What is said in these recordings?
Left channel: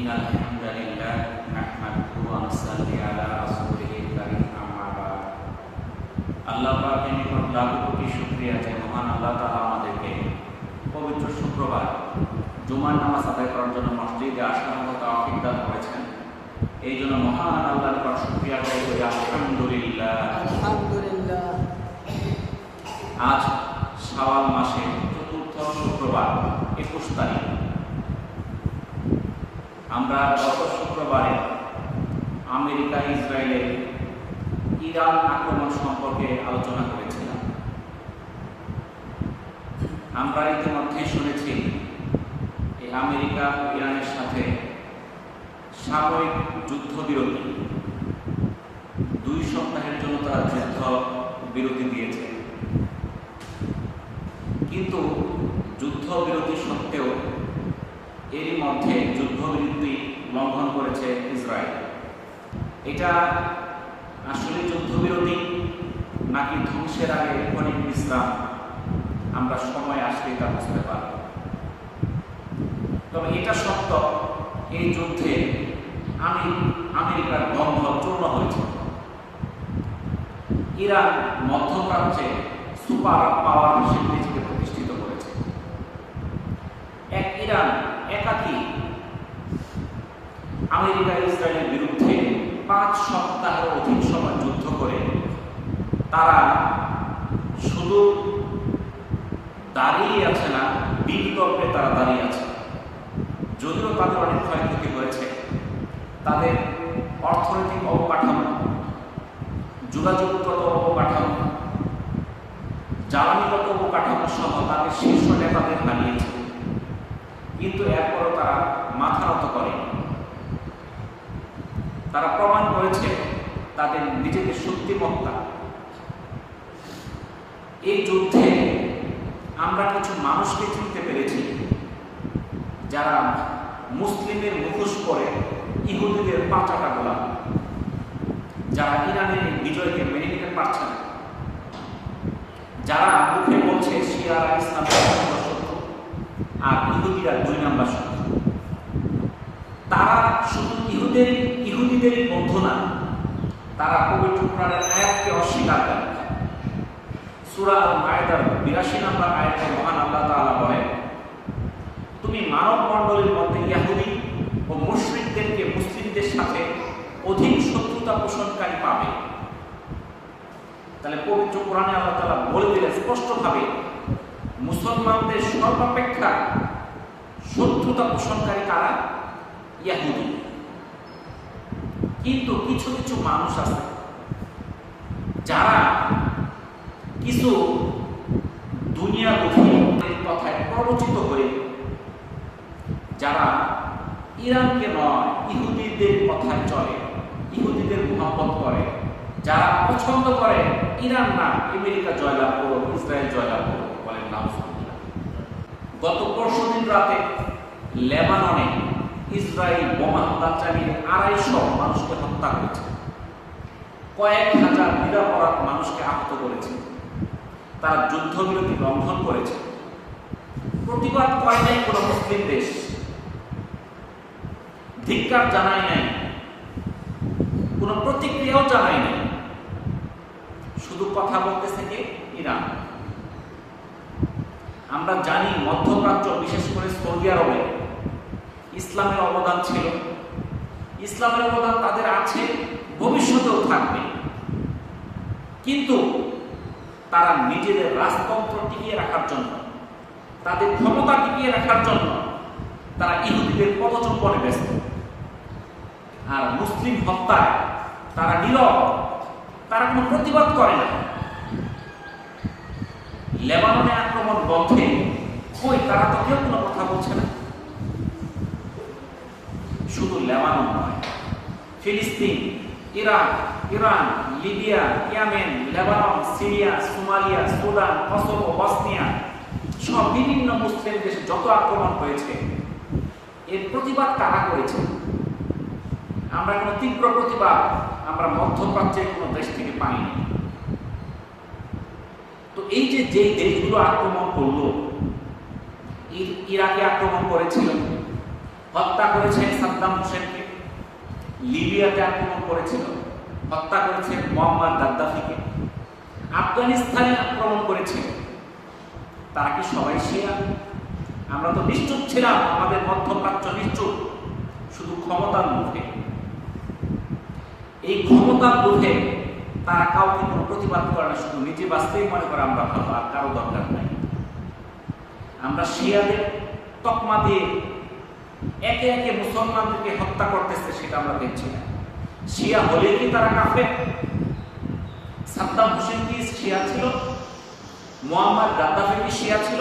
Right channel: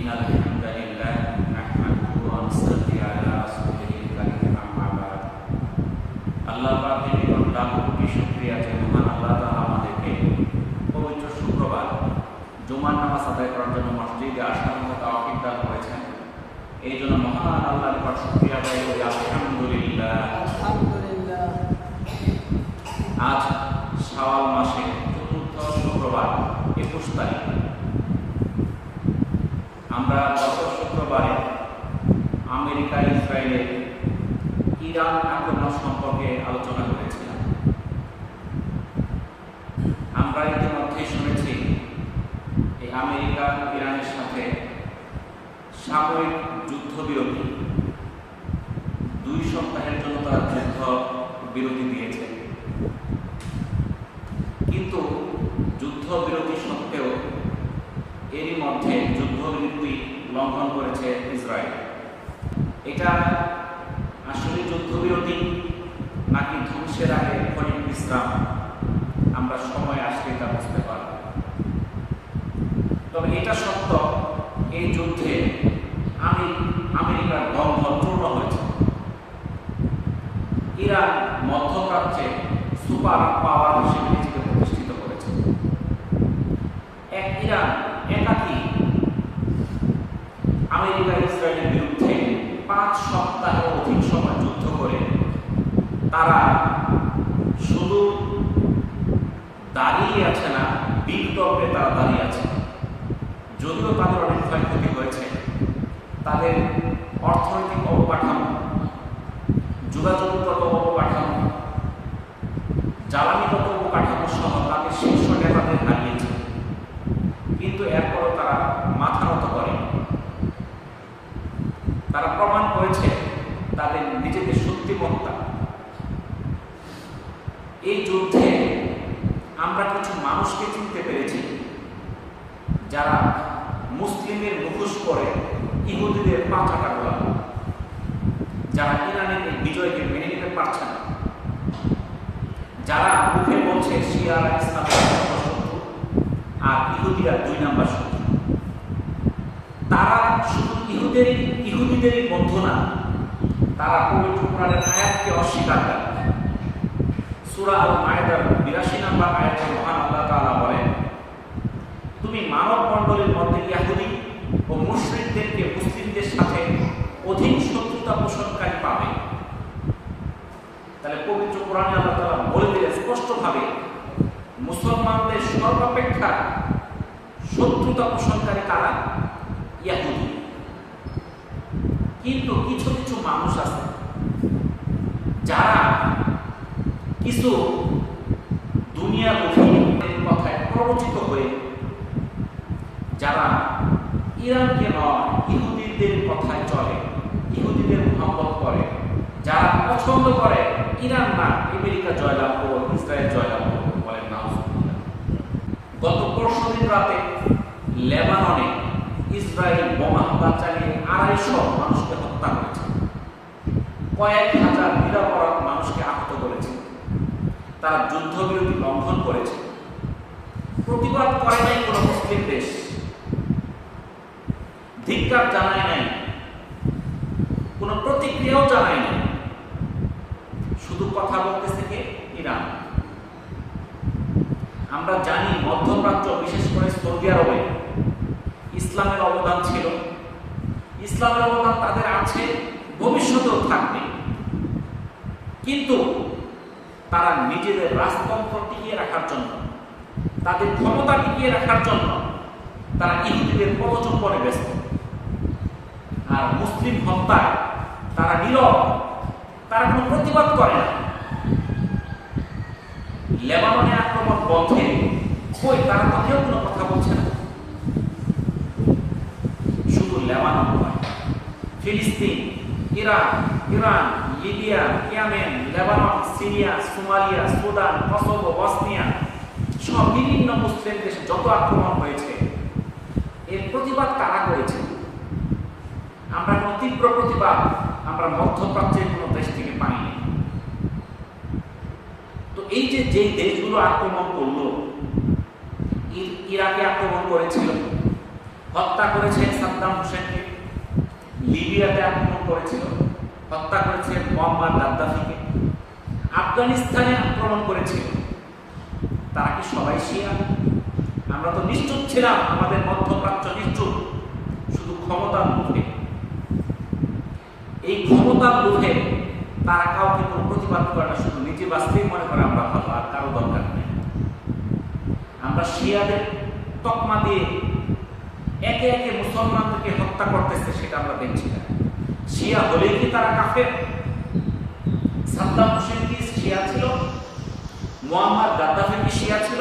إن الحمد لله نحمده ونصلي على رسوله الكريم أما بعد আল্লাহ পাকের নিকট লাখো কোটি শুকরিয়া যে মহান আল্লাহ তাআলা আমাদেরকে পবিত্র শুক্রবার জুমার নামাজ আদায় করার জন্য মসজিদে আসার মতো তৌফিক দান করেছেন। এই জন্য মহান আল্লাহর নিকট শুকরিয়া আদায় করি আলহামদুলিল্লাহ। আজ শাওয়াল মাসের চতুর্থ শুক্রবার 21 তারিখ। আমরা গত শুক্রবারে আমেরিকা ইসরায়েলের ইরান আক্রমণ সম্পর্কে আলোচনা করেছিলাম। আমরা ইতিমধ্যে শুনেছি এই আমেরিকা ইরানের সাথে সাময়িক যুদ্ধবিরতি 2 সপ্তাহের জন্য তারা যুদ্ধ বিরতি দিয়েছে, কিন্তু যুদ্ধবিরতি সত্ত্বেও এরই মধ্যে যুদ্ধবিরতি লঙ্ঘন করেছে ইসরায়েল। এটা আসলে যুদ্ধবিরতি নাকি ধ্বংসের আগে ক্ষণিক বিশ্রাম, আমরা সময় আসলে তা বুঝতে পারব। তবে এটা সত্য, এই যুদ্ধে আমেরিকার দম্ভ চূর্ণ হয়েছে। ইরান মধ্যপ্রাচ্যে সুপার পাওয়ার হিসেবে নিজেকে প্রতিষ্ঠিত করেছে। এক ইরান একাকী আমেরিকা ইসরায়েলের বিরুদ্ধে 5 সপ্তাহের অধিক সময় যুদ্ধ করে তারা শুধু দাঁড়িয়ে আছে না, বীরদর্পে তারা দাঁড়িয়ে আছে। যদিও তাদের অনেক ক্ষয়ক্ষতি হয়েছে, তাদের অর্থনৈতিক অবকাঠামো, যোগাযোগগত অবকাঠামো, জ্বালানিগত অবকাঠামো সহ তাদের শীর্ষ নেতাদের হারিয়েছে, কিন্তু এরপরও তারা মাথা নত করে। তারা প্রমাণ করেছে তাদের নিজেদের শক্তিমত্তা। এই যুদ্ধে আমরা কিছু মানুষকে চিনতে পেরেছি যারা মুসলিমের মুখোশ পরে ইহুদিদের পাচাটা গোলাম, যারা ইরানের এই বিজয়কে মেনে নিতে পারছে না, যারা মুখে বলছে শিয়ারা ইসলামের শত্রু আর ইহুদিরা 2 নাম্বার শত্রু। তারা শুধু ইহুদিদেরই বন্ধু না, তারা পবিত্র কোরআনের আয়াতকে অস্বীকার করে। সূরা আল মায়েদার 82 নম্বর আয়াতে মহান আল্লাহ তাআলা বলেন, তুমি মানব মণ্ডলীর মধ্যে ইহুদি ও মুশরিকদেরকে মুসলিমদের সাথে অধিক শত্রুতা পোষণকারী পাবে। তাহলে পবিত্র কোরআনে আল্লাহ তাআলা বলে দিলেন স্পষ্টভাবে, মুসলমানদের সর্বাপেক্ষা শত্রুতা পোষণকারী কারা? ইহুদি। কিন্তু কিছু কিছু মানুষ আছে যারা কিছু দুনিয়ামুখী কথায় প্ররোচিত হয়ে, যারা ইরানকে নয় ইহুদিদের কথায় চলে, ইহুদিদের মহব্বত করে, যারা পছন্দ করে ইরান না আমেরিকা জয়লাভ করো, ইসরায়েল জয়লাভ করো, বলেন নাউজুবিল্লাহ। গত পরশুদিন রাতে লেবাননে ইসরায়েল বোমা হামলা চালিয়ে 250 মানুষকে হত্যা করেছে, কয়েক হাজার নিরপরাধ মানুষকে আহত করেছে। তারা যুদ্ধবিরতি লঙ্ঘন করেছে। প্রতিবাদ করে নাই কোনো মুসলিম দেশ, ধিক্কার জানায় নাই, কোনো প্রতিক্রিয়াও জানায় নাই। শুধু কথা বলতেছে কে? ইরান। আমরা জানি মধ্যপ্রাচ্য, বিশেষ করে সৌদি আরবে ইসলামের অবদান ছিল, ইসলামের অবদান তাদের আছে, ভবিষ্যতেও থাকবে। কিন্তু তারা নিজেদের রাজতন্ত্র টিকিয়ে রাখার জন্য, তাদের ক্ষমতা টিকিয়ে রাখার জন্য তারা ইহুদিদের পদচুম্বনে ব্যস্ত। আর মুসলিম হত্যায় তারা নীরব, তারা কোনো প্রতিবাদ করে না। লেবাননে আক্রমণ বন্ধে কই, তারা তো কেউ কোনো কথা বলছে না। শুধু লেবানন নয়, ফিলিস্তিন, Iran, Libya, Yemen, Lebanon, Syria, Somalia, Sudan, Kosovo, Bosnia সব বিভিন্ন মুসলিম দেশে যত আক্রমণ হয়েছে, এর প্রতিবাদ কারা করেছে? আমরা কোনো তীব্র প্রতিবাদ আমরা মধ্যপ্রাচ্যের কোনো দেশ থেকে পাইনি। তো এই যে দেশগুলো আক্রমণ করলো, ইরাকে আক্রমণ করেছিল, হত্যা করেছে সাদ্দাম হোসেনকে, লিবিয়াতে আক্রমণ করেছিল, হত্যা করেছে মোহাম্মদ গাদ্দাফিকে, আফগানিস্তানে আক্রমণ করেছিল। তারা কি সবাই শিয়া? আমরা তো নিশ্চুপ ছিলাম, আমাদের মধ্যপ্রাচ্য নিশ্চুপ, শুধু ক্ষমতার লোভে। এই ক্ষমতার লোভে তারা কাউকে কোনো প্রতিবাদ করে না, শুধু নিজে বাঁচতেই মনে করে আমরা ভালো, আর কারো দরকার নেই। আমরা শিয়াদের তকমা দিয়ে একে একে মুসলমানদেরকে হত্যা করতেছে, সেটা আমরা দেখছি না। শিয়া হলেই কি তারা কাফের? সাদ্দাম হোসেন কি শিয়া ছিল? মোহাম্মদ গাদ্দাফি কি শিয়া ছিল?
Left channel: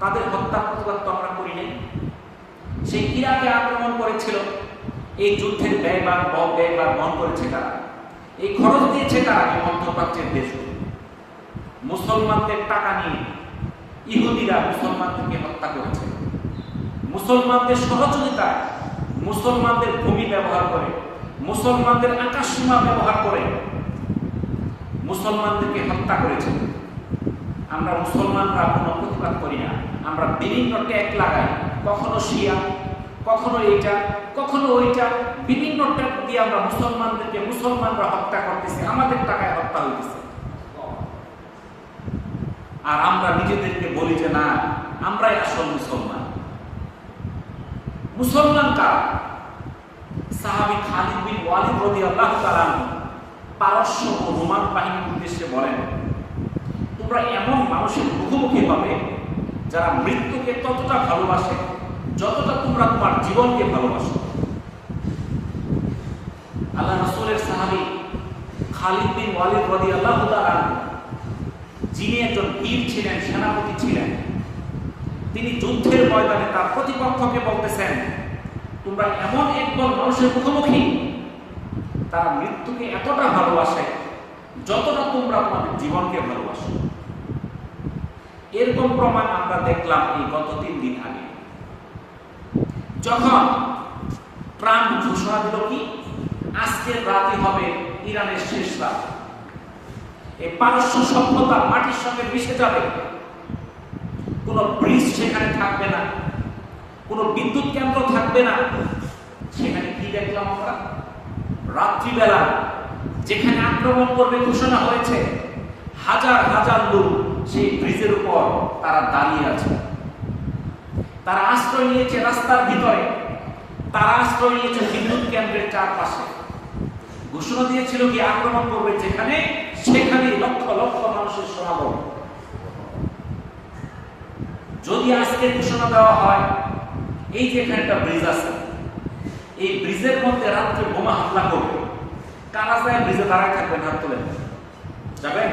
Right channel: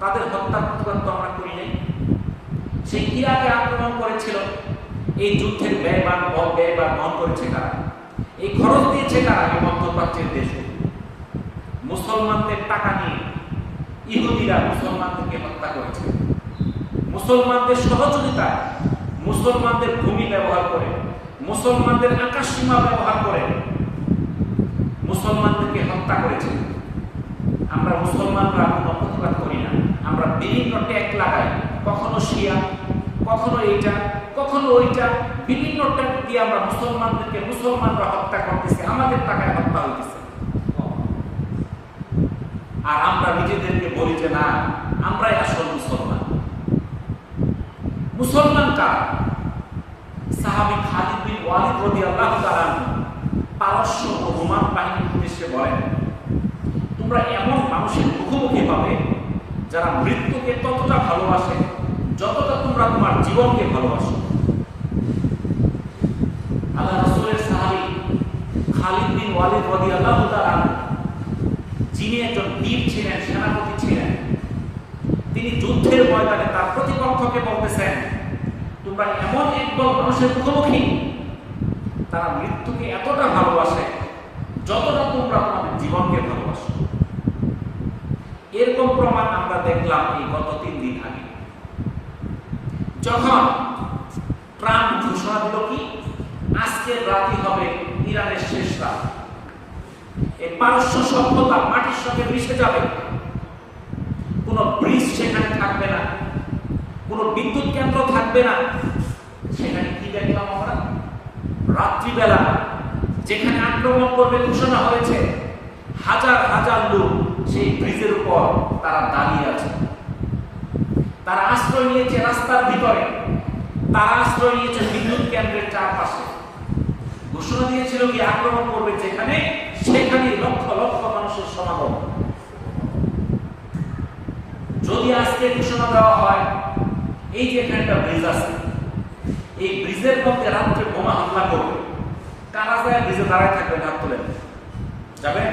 তাদের হত্যার প্রতিবাদ তো আমরা করি নাই। সেই ইরাকে আক্রমণ করেছিল, এই যুদ্ধের ব্যয়বার বহন করেছে কারা? এই খরচ দিয়েছে কারা? এই মধ্যপ্রাচ্যের দেশগুলো। মুসলমানদের টাকা নিয়ে ইহুদিরা মুসলমানদেরকে হত্যা করেছে, মুসলমানদের সহযোগিতায়, মুসলমানদের ভূমি ব্যবহার করে, মুসলমানদের আকাশ সীমা ব্যবহার করে মুসলমানদেরকে হত্যা করেছে। আমরা মুসলমানরা কোনো প্রতিবাদ করি না, আমরা বিভিন্ন ট্যাগ লাগাই, কখনো শিয়া, কখনো এইটা, কখনো ওইটা, বিভিন্ন ট্যাগ দিয়ে আমরা মুসলমানরা হত্যা করতেছে, আমাদের টাকায় হত্যা হইতেছে। আর আমরা নিজেদেরকে বলি যে না, আমরাই আসল মুসলমান। মুসলমান কারা? সাহাবী খালিদ বিন ওয়ালিদ রাদিয়াল্লাহু তাআলা আনহু পারস্য ও রোমান বাহিনীর উদ্দেশ্যে বলেন, তোমরা এমন মানুষের মুখোমুখি হবে যারা মৃত্যুকে ততটা ভালোবাসে যতটা তোমরা তোমার জীবনকে ভালোবাসো। আল্লাহ রাসূলের সাহাবী খালিদ বিন ওয়ালিদ রাদিয়াল্লাহু তাআলা আনহু, যিনি একজন বীর ছিলেন, সেনাপতি ছিলেন, তিনি যুদ্ধের ময়দানে তার প্রতিপক্ষকে বলতেছেন, তোমরা এমন একদল মানুষের মুখোমুখি তারা মৃত্যুকে এতটা ভালোবাসে যতটা তোমরা তোমাদের জীবনকে ভালোবাসো। এরকম প্রমাণ আমরা দেখলাম এই গত 3 দিন আগে, যখন ট্রাম্প ঘোষণা দিল কি আজকের রাতই হবে ইরানের শেষ রাত, এই পারস্য সভ্যতা মাটির সঙ্গে মিশে যাবে, কোনো ব্রিজ সেখানে থাকবে না, কোনো বিদ্যুৎ কেন্দ্র থাকবে না। সেখানে কি দেখলাম আমরা? রাত্রিবেলা যেখানে আক্রমণ করবে ঘোষণা হয়েছে, হাজার হাজার লোক সেই ব্রিজের উপর তারা দাঁড়িয়ে আছে, তারা আশ্রয় নিয়েছে রাস্তার ভিতরে, তারা আশ্রয় নিয়েছে বিদ্যুৎ কেন্দ্রের চারপাশে। ঘোষণা দিয়েছিল কি আক্রমণ করবে যেখানে, সেখানে লক্ষ লক্ষ মানুষের সমাগম। যদি আজকে ঘোষণা দেওয়া হয় এই যে এখানে একটা ব্রিজ আছে, এই ব্রিজের মধ্যে রাত্রে বোমা হামলা করবে, কারা যায় ব্রিজে দাঁড়ায় থাকবেন? হাত তোলেন, যাবেন?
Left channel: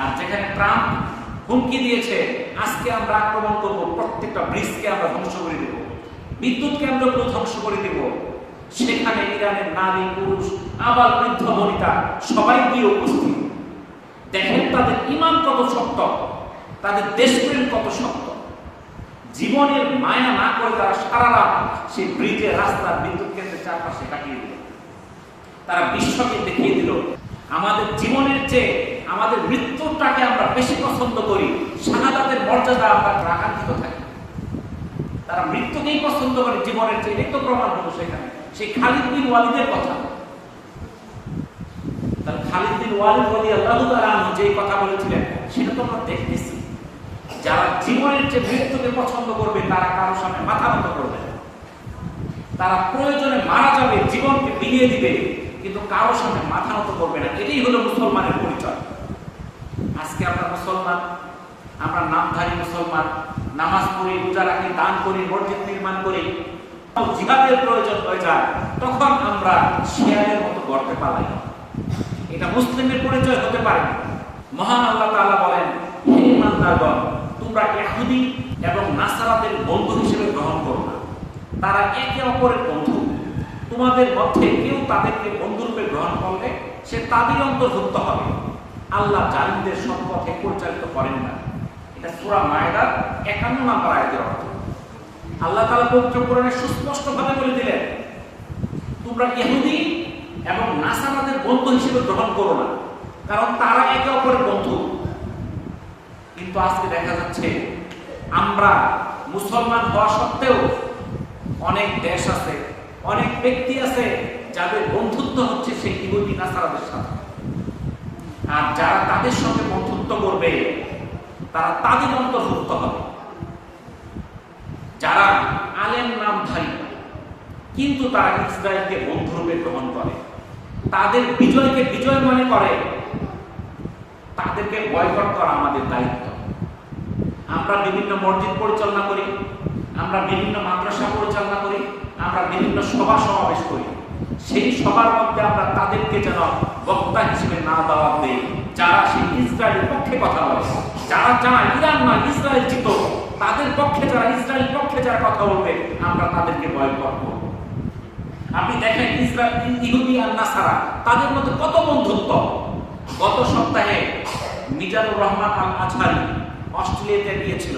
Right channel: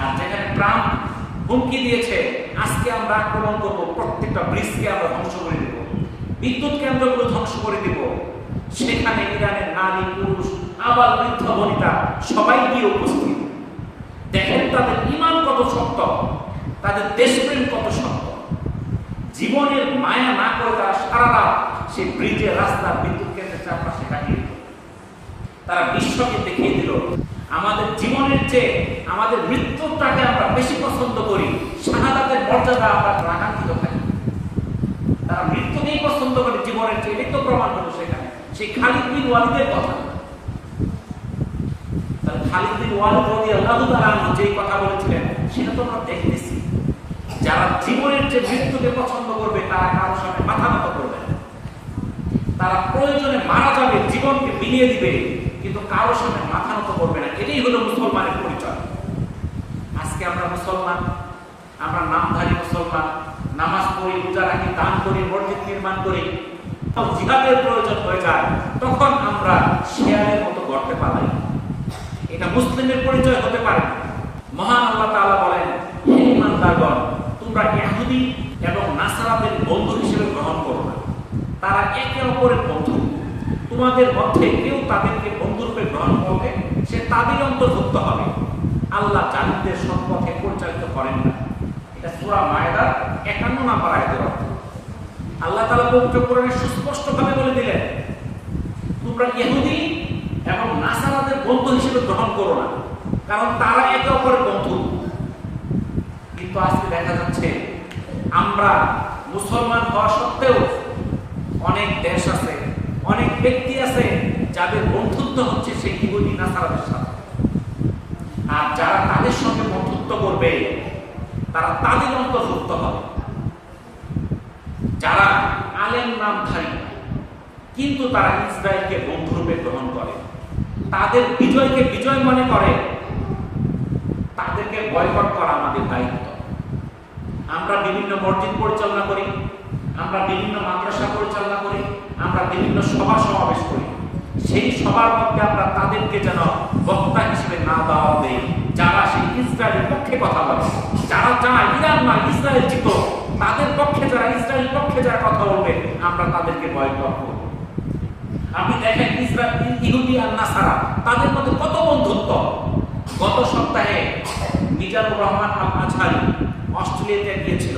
আর যেখানে ট্রাম্প হুমকি দিয়েছে আজকে আমরা আক্রমণ করব, প্রত্যেকটা ব্রিজকে আমরা ধ্বংস করে দেব, বিদ্যুৎ কেন্দ্রগুলো ধ্বংস করে দেব, সেখানে ইরানের নারী পুরুষ আবাল বৃদ্ধ বনিতা সবাই গিয়ে উপস্থিত। দেখেন তাদের ঈমান কত শক্ত, তাদের দেশপ্রেম কত শক্ত। জীবনের মায়া না করে তারা সারা রাত সেই ব্রিজের রাস্তার বিদ্যুৎ কেন্দ্রের চারপাশে কাটিয়ে দিল। তারা বিশ্বকে দেখিয়ে দিল আমাদের জীবনের চেয়ে আমাদের মৃত্যুটাকে আমরা বেশি পছন্দ করি, শাহাদাতের মর্যাদা আমরা আকাঙ্ক্ষিত থাকি। তারা মৃত্যুকেই পছন্দ করে জীবনের চেয়ে। এই তো প্রমাণ হলো সেখানে সেই খালিদ বিন ওয়ালিদের কথা। খালিদ বিন ওয়ালিদ রাদিয়াল্লাহু তাআলা আনহু যে কথা বলেছিলেন সেটা তো আমরা দেখতেছি। যারা জীবনের চেয়ে মৃত্যুকে পছন্দ করবে তারা কারোর সামনে মাথা নত করবে না, তারা প্রয়োজনে মারা যাবে, জীবনকে বিলিয়ে দিবে, কিন্তু কারোর সামনে মাথা নত করবে না। এটাই হলো মুসলমানের পরিচয়। আজকে আমরা মুসলমান, আমরা নামধারী মুসলমান, নামাজ পড়ি, রোজা রাখি, দান করি, মসজিদ নির্মাণ করি, জিহাদের প্রয়োজন হয়ে যায় তখন আমরা শেয়ালের মতো গর্তে পালাই। এটা মুসলিমের পরিচয় হতে পারে না। মহান আল্লাহ তাআলা বলেন, হে ঈমানদারগণ, তোমরা ইহুদি এবং নাসারাদের বন্ধু হিসেবে গ্রহণ করো না, তারা একে অপরের বন্ধু। তোমাদের মধ্যে কেউ তাদেরকে বন্ধুরূপে গ্রহণ করলে সে তাদের অন্তর্ভুক্ত হবে। আল্লাহ জালিমদের সৎপথে পরিচালিত করেন না। এটা সূরা মায়েদার 51 নম্বর আয়াতের অর্থ। আল্লাহ তাআলা পবিত্র কোরআনে সুস্পষ্টভাবে বলে দিলেন, তোমরা ইহুদি এবং নাসারাদের বন্ধু হিসেবে গ্রহণ করো না, কারণ তারা একে অপরের বন্ধু। কিন্তু আজকে দেখা যাচ্ছে আমরা মুসলমান হওয়া সত্ত্বেও অনেক দেশ আছে, অনেক ব্যক্তি আছে যাদের বন্ধুত্ব হচ্ছে সেই ইহুদি নাসারাদের সাথে। আর যারা তাদের সঙ্গে বন্ধুত্ব করবে তারা তাদের অন্তর্ভুক্ত হবে। যারা আলেম নামধারী কিন্তু তারা ইসরায়েলকে বন্ধুরূপে গ্রহণ করে, তাদের বিজয়কে বিজয় মনে করে, তাদেরকে বয়কট করা আমাদের দায়িত্ব। আমরা বিভিন্ন মসজিদ পরিচালনা করি, আমরা বিভিন্ন মাদ্রাসা পরিচালনা করি, আমরা বিভিন্ন সভা সমাবেশ করি। সেই সবার মধ্যে আমরা তাদেরকে যেন বক্তা হিসেবে না দেওয়া দেই যারা সেই ইসরায়েলের পক্ষে কথা বলে, যারা চায় ইরান নয় ইসরায়েল জিত, তাদের পক্ষে যারা ইসরায়েল পক্ষে যারা কথা বলবে আমরা তাদেরকে বয়কট করব। আপনি দেখেন ইসরায়েল ইহুদি আর নাসারা তাদের মধ্যে কত বন্ধুত্ব। গত সপ্তাহে মিজানুর রহমান আল আজহারি অস্ট্রেলিয়াতে গিয়েছিল,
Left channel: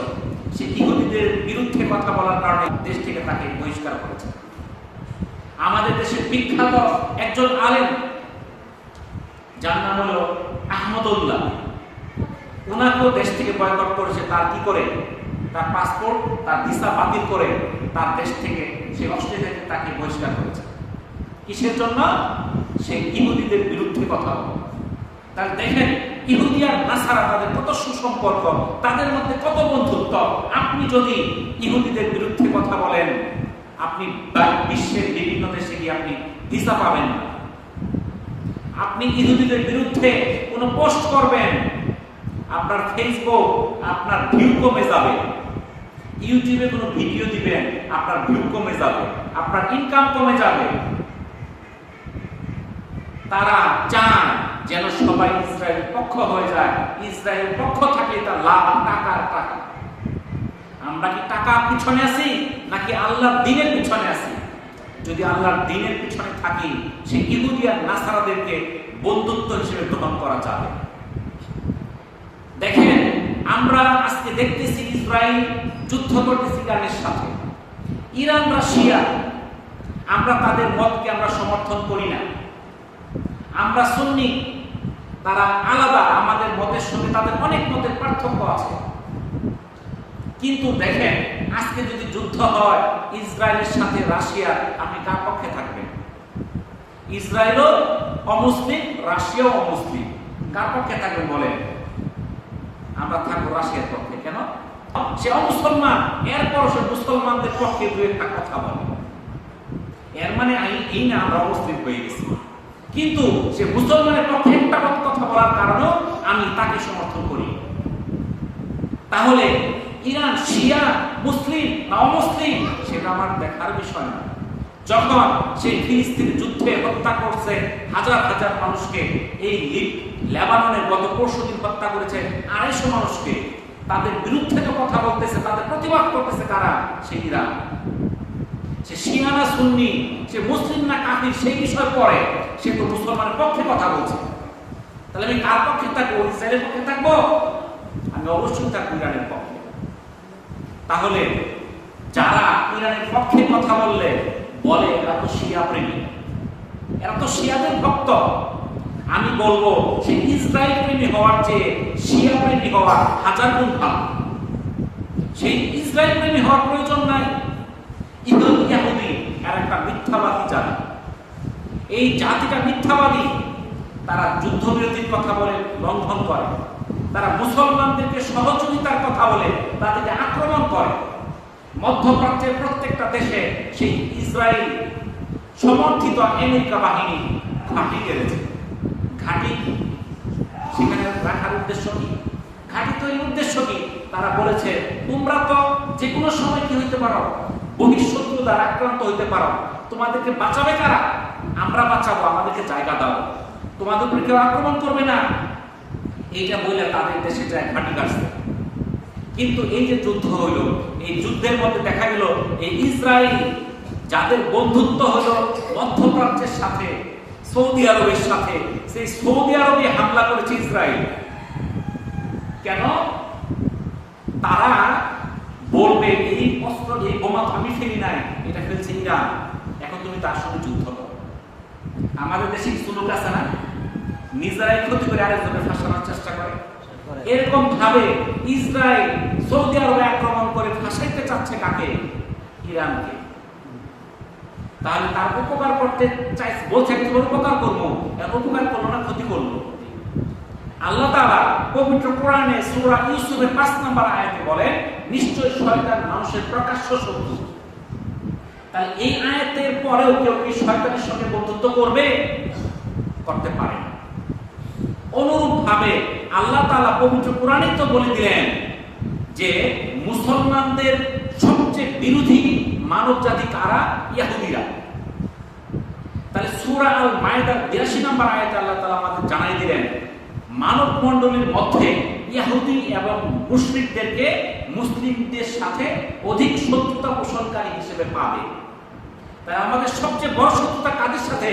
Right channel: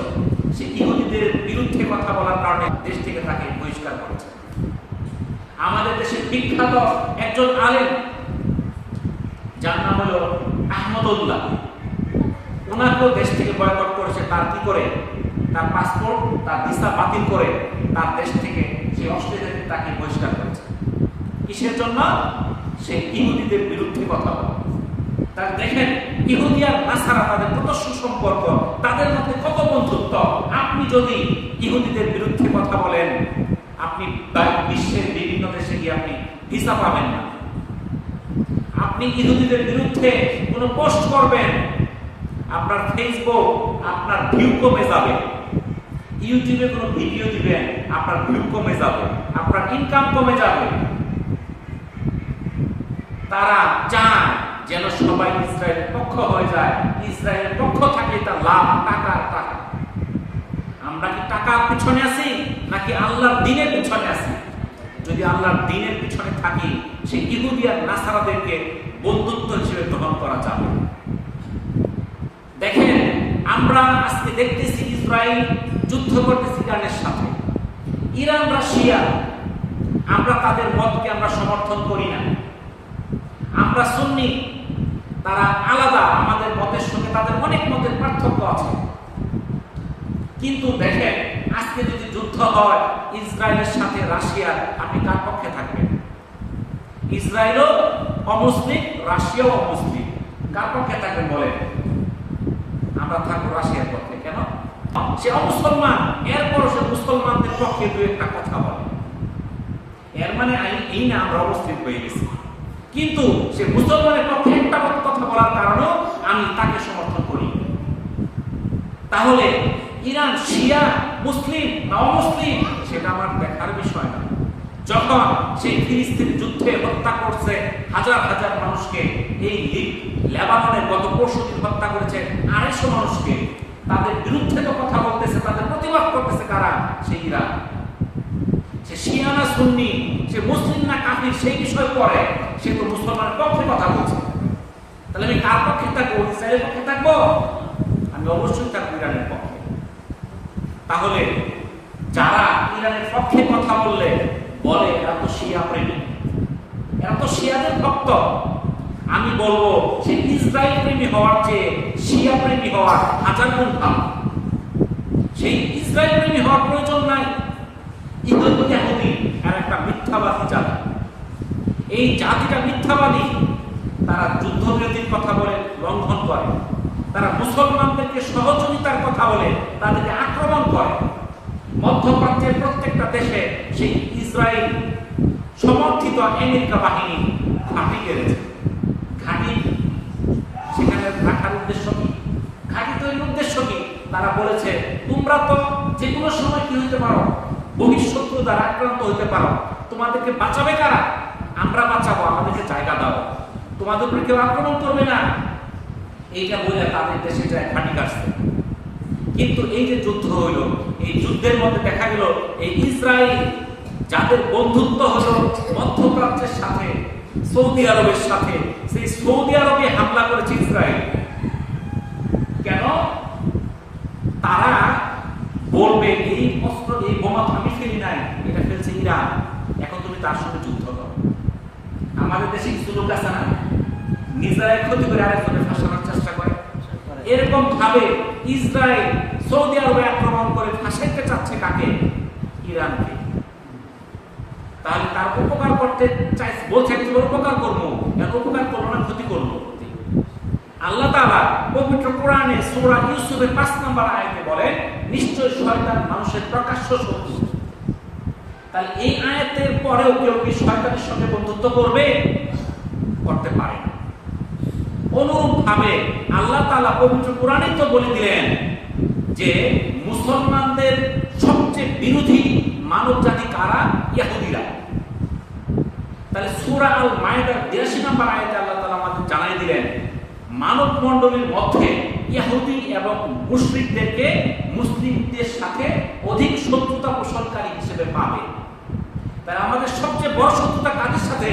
সে ইহুদিদের বিরুদ্ধে কথা বলার কারণে দেশ থেকে তাকে বহিষ্কার করেছে। আমাদের দেশের বিখ্যাত একজন আলেম যার নাম হলো আহমদুল্লাহ, ওনাকেও দেশ থেকে বয়কট করেছে। তার কি করে? তার পাসপোর্ট, তার ভিসা বাতিল করে তার দেশ থেকে সে অস্ট্রেলিয়াতে তাকে বহিষ্কার করেছে। কিসের জন্য? সে ইহুদিদের বিরুদ্ধে কথা বলে। তার দেখেন ইহুদি আর নাসারা তাদের কত সুসম্পর্ক, তাদের মধ্যে কত বন্ধুত্ব। আপনি যদি ইহুদিদের বিরুদ্ধে কথা বলেন, আপনি বিশ্বের বিভিন্ন দেশে গিয়ে আপনি ভিসা পাবেন না। আপনি ইহুদিদের বিরুদ্ধে কোনো পোস্ট করবেন, আপনার ফেসবুক আপনার ভিউ কমে যাবে। ইউটিউবে কোনো ভিডিও দিবেন, আপনার ভিউ কমে যাবে, আপনার ইনকাম কমে যাবে। তারা চান যেন সবাই ইসরায়েলের পক্ষ হয়ে যায়। ইসরায়েলের পক্ষ থাকলে তার লাভ টাকার টাকা। আমরা কি টাকার পিছনে আছি নাকি আল্লাহর দ্বীনের পিছনে আছি? যদি আল্লাহর দ্বীনের পিছনে থাকি, সেই ইহুদি আর নাসারাদেরকে বন্ধুত্ব হিসেবে গ্রহণ করা যাবে। দেখেন আমরা আজকে দেখতেছি ইসরায়েল যুদ্ধ করতেছে ইরানের সাথে। ইরান রাশিয়া, আমরা তাদের মতকে আমরা সমর্থন করি না। আমরা সুন্নি, তারা আলাদা, আমাদের মতের সঙ্গে তাদের অনেক মতের পার্থক্য আছে। কিন্তু দেখেন আজকে যদি যুদ্ধ হয় ইসরায়েলের সাথে রাশিয়ার, আপনি কার পক্ষে থাকবেন? ইসরায়েলও অমুসলিম, রাশিয়াও অমুসলিম, কার পক্ষে থাকবেন বলেন? আমরা থাকবো রাশিয়ার পক্ষে। কেন? সে অমুসলমান, এরপর সে মুসলমানদের পক্ষে দু একটা কথা বলে। এর মানে এই না আমরা অমুসলিম হয়ে গেছি, কিন্তু সে মুসলমানের পক্ষে একটা কথা বলার কারণেও আমি তাকে সমর্থন করি। তাহলে ইরান শিয়া, মুসলিম না অমুসলিম সেটা আমার দেখার বিষয় না। যখন সেই ফিলিস্তিন যুদ্ধে হত্যা করছে হাজার হাজার মানুষকে, এই লেবাননের গত পরশুদিন হত্যা করেছে 250 মানুষকে, তাদের বিরুদ্ধে তো কথা বলতেছে, তাদের প্রতিবাদ করতেছে কারা? সেই ইরান। সে শিয়া না সুন্নি, সে মুসলিম না কাফির সেই বিষয় পরে, সে তো মুসলমানের পক্ষে কথা বলছে। তাহলে আমি কার পক্ষে থাকবো? ইসরায়েলের পক্ষে থাকবো? আমি অবশ্যই থাকবো ইরানের পক্ষে। তাহলে যারা ইরানের পক্ষে কথা বললে বলে এরা তো শিয়া প্রেমী, এরা তো শিয়াদের ভক্ত, আমি বলবো সে ইসরায়েল প্রেমী হওয়ার চেয়ে শিয়া প্রেমী হওয়ার 1000 গুণ ভালো। সেই ইসরায়েল প্রেমী হওয়ার প্রয়োজন নাই। ইহুদি আর একটা মিথ্যাবাদী জাতি। এই জাতিটা মিথ্যাবাদী। তারা যুদ্ধবিরতির কথা বলে লঙ্ঘন করে, তারা মুসলমানদেরকে সহযোগিতার কথা বলে তাদেরকে আক্রমণ করে। মধ্যপ্রাচ্যের প্রত্যেকটা দেশে সেই ইসরায়েল সমর্থিত আমেরিকা বাহিনী ঘাঁটি গেড়েছে। ঘাঁটি সেখানে রাখার উদ্দেশ্য কি? ঘাঁটি তৈরির উদ্দেশ্য কি? তারা বলেছে তোমরা তো যে কোনো সময় কি হইতে পারো, বহিঃশত্রু দ্বারা আক্রান্ত হইতে পারো, তোমাদেরকে বাঁচাবে কারা? আমরা বাঁচাবো, আমাদেরকে জায়গা দাও, তোমাদের উপরে কেউ আক্রমণ করবে না। এইটা বলে তাদের দেশে যায় ঘাঁটি গাছতে। কিন্তু এই যে যুদ্ধ হইল, এই যুদ্ধের মধ্যে দেখা গেল এই ইসরায়েল যাদের বন্ধুত্ব হলো মধ্যপ্রাচ্যের সাথে, সৌদি আরবের সাথে, সেই সৌদি আরবে হামলা করেছে ইসরায়েল। কেন? তারা বলবে এই অস্ত্র, এই বোমা আমি ফেলি নাই, এটা ফেলছে ইরান, এখন তুমি তার সঙ্গে যুদ্ধ করো। আমাদের দেশে কিছু লোক আছে না, নিজেরাই ক্ষতি করে আরেকজনের ফাঁসানোর চেষ্টা করে। এরকম ভাবে ইসরায়েল সৌদি আরবে আক্রমণ করে ফাঁসাইতে চাচ্ছে কাকে? ইরানকে। তাহলে তার উপকার করতে চাই বলছে, তোমার উপকার করবো, উপকার করলো না, ক্ষতি করলো। আল্লাহ তাআলা পবিত্র কোরআনে সূরা ইউসুফের 5 নম্বর আয়াতে বলে, নিশ্চয় শয়তান মানুষের প্রকাশ্য শত্রু। তাহলে এই আয়াতের পরেও কেউ কি শয়তানের সঙ্গে বন্ধুত্ব করবে? করতে পারে না। অনুরূপ ভাবে আল্লাহ তাআলা পবিত্র কোরআনে তো বলে দিলেন যে মুসলমানদের সবচেয়ে বিরোধী মানব জাতি কারা? ইহুদিরা। তাহলে সূরা আল মায়েদার 82 নম্বর আয়াতে আল্লাহ তাআলা আমাদের জানাই দিলেন, মানব মণ্ডলীর মধ্যে ইহুদি এবং মুশরিকদেরকে মুসলিমদের সাথে অধিক শত্রুতা পোষণকারী হিসেবে পাবে। তাই আমাদের সবচেয়ে বড় শত্রুতা কাদের সাথে?